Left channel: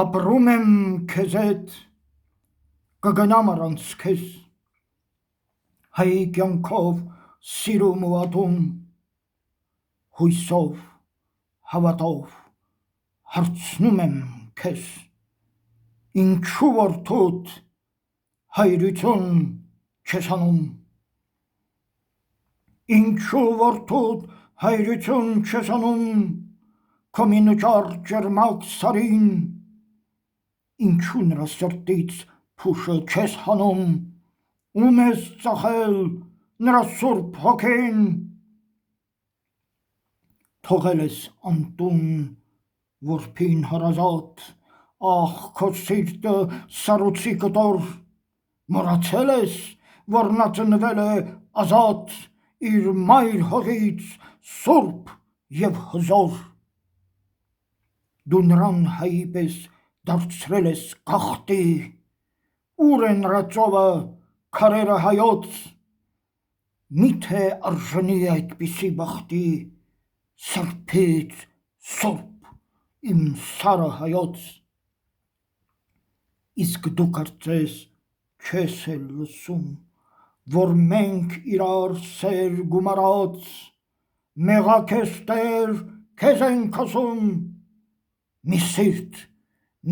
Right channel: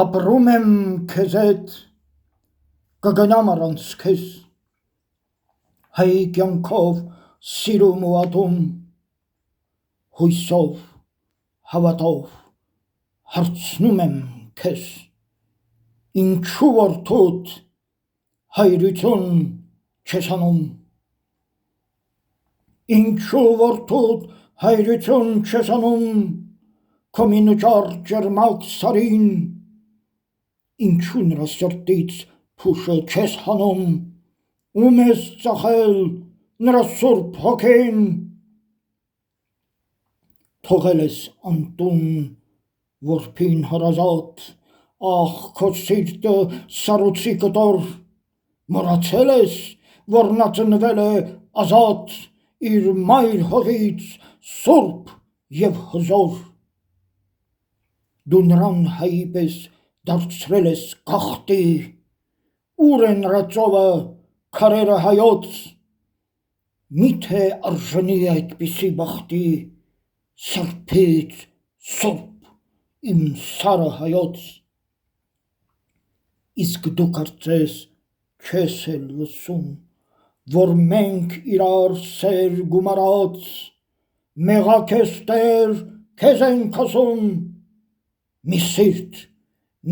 Ապրում եմ քեզ հետ, կգնամ առանց քեզ, հայի կյանքով սիրում ու ատում, հույսով, հավատով, հարցնում եմ քեզ, ինչու որդուդ հայրություն չես անում, ինչու որդուդ հայրություն չես անում, քո մինուճար ջերմակ սարին, ինչու նրա սրտից փուշը չես հանում, ում ես ծախել նրա սուրբ հոգին, թողել ես անտուն որբին հարազատ, ախ քո սիրտը սառույցի կտոր, մոռացել ես, որ նա ծնվել է ազատ իր մայր հողից սուրբ և հզոր, դու նրան հայի պես դարձրել ես գաղթի, ուր է նրա ծովը, քարերը հայոց, միթե արժանի է այդպիսի բախտի, սրբից սուրբ իմ սարը հայոց, իսկ դու կարծես չես էլ լսում, որ մենք իրար սեր գումարած, մեղա քեզ Տեր, քեզ ենք ասում, մի սիրտ,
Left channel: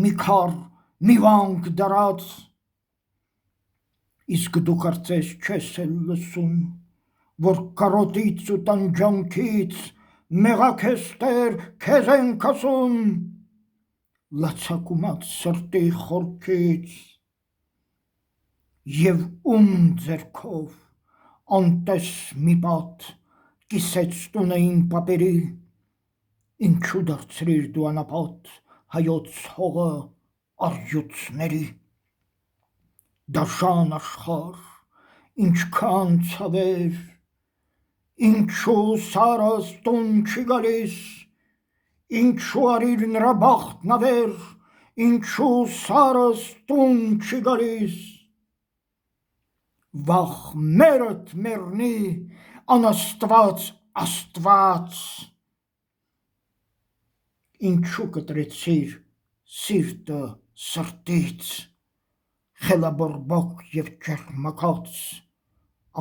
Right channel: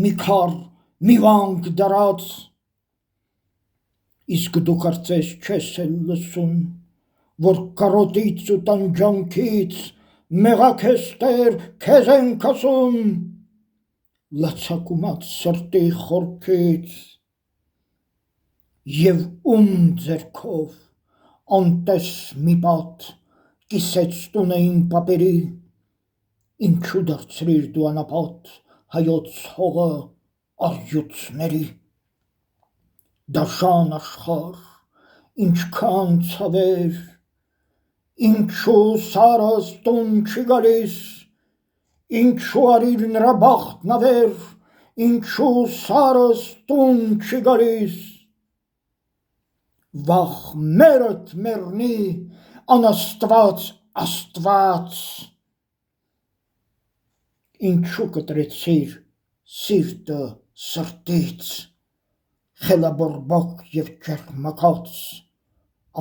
մի քար, մի վանք դարած, իսկ դու կարծես չես էլ լսում, որ կարոտից ու տանջանքից, մեղա քեզ Տեր, քեզ ենք ասում, լացակումած սրտի խորքից, և ում ձեռքով անտես մի պատ կիսեց տունը իմ պապերի, ինչու դարձրիր դու անապատ հայոց հողը առյուծների, դաշան աշխարհ, ինչքան ցավեր, ինչու սարս տուն չի գալիս, ինչու արիր նրա բախտն ավեր, ինչու սարս տուն չի գալիս, վաղ մերդ մեռնի անաստված Աստված, ինչու կտրեցիր սիրտը սրտից, խելաբորբոք և ճերմակած,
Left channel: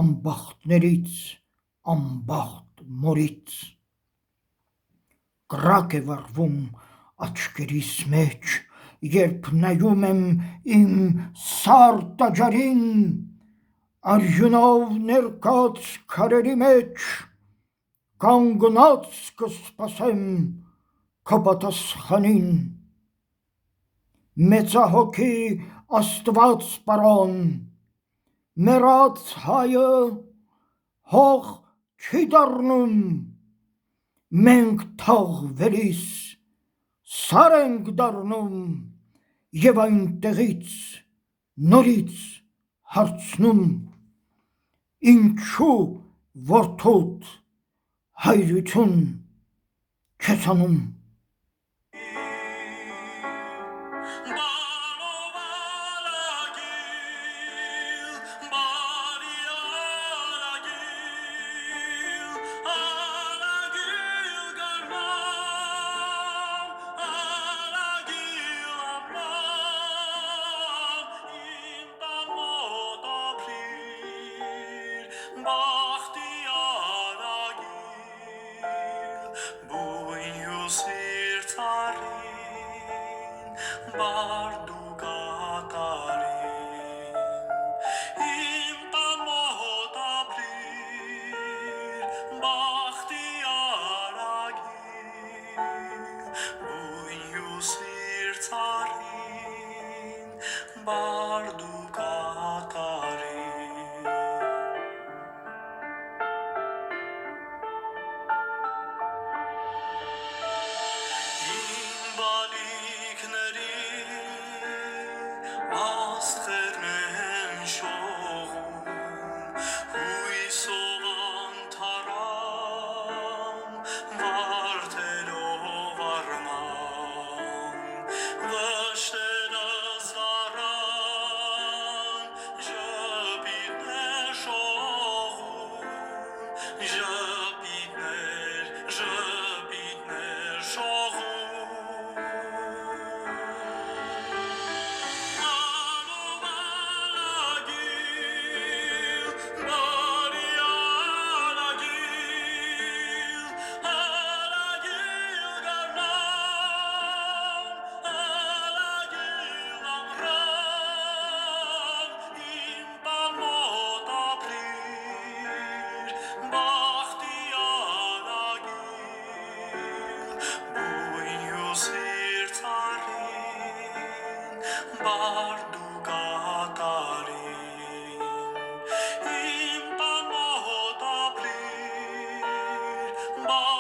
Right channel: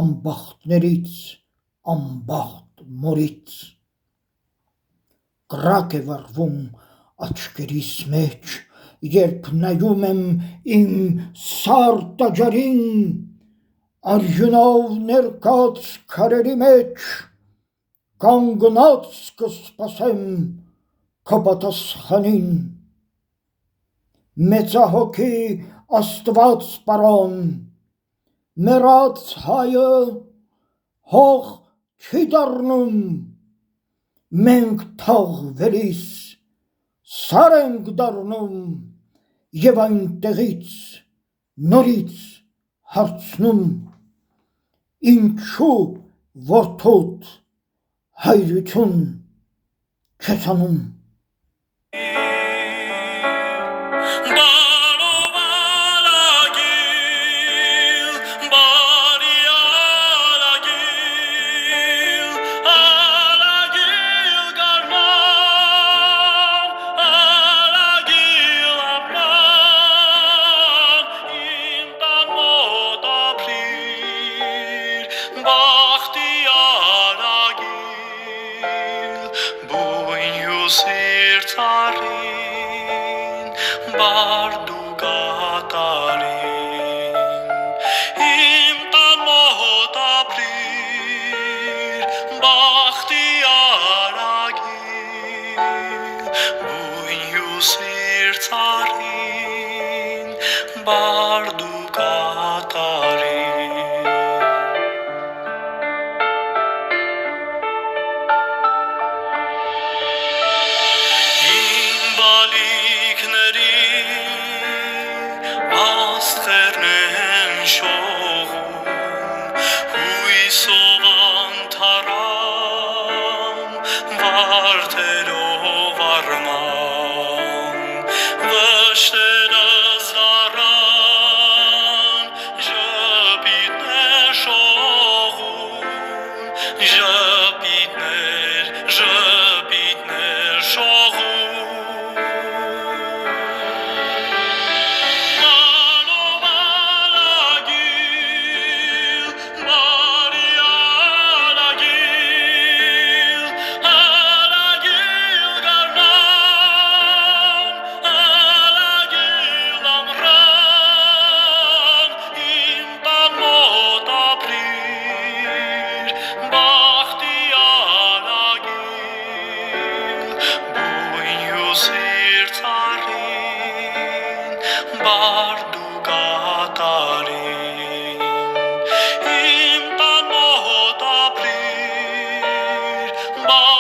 անբախտներից, անբախտ մորից, կրակ է վառվում աչքերիս մեջ, երբ նայում եմ իմ սար տաճարին, արյունով ներկած քարերի մեջ, կանգնած կսպասեմ քո պատասխանին, մեծահոգի Աստված պարոն, մեռած հայը հող չի դառնում, մենք թաղվելիս սար ենք դառնում և այնտեղից նորից հարցնում, ինչու որդուդ հայրություն չես անում, Bye.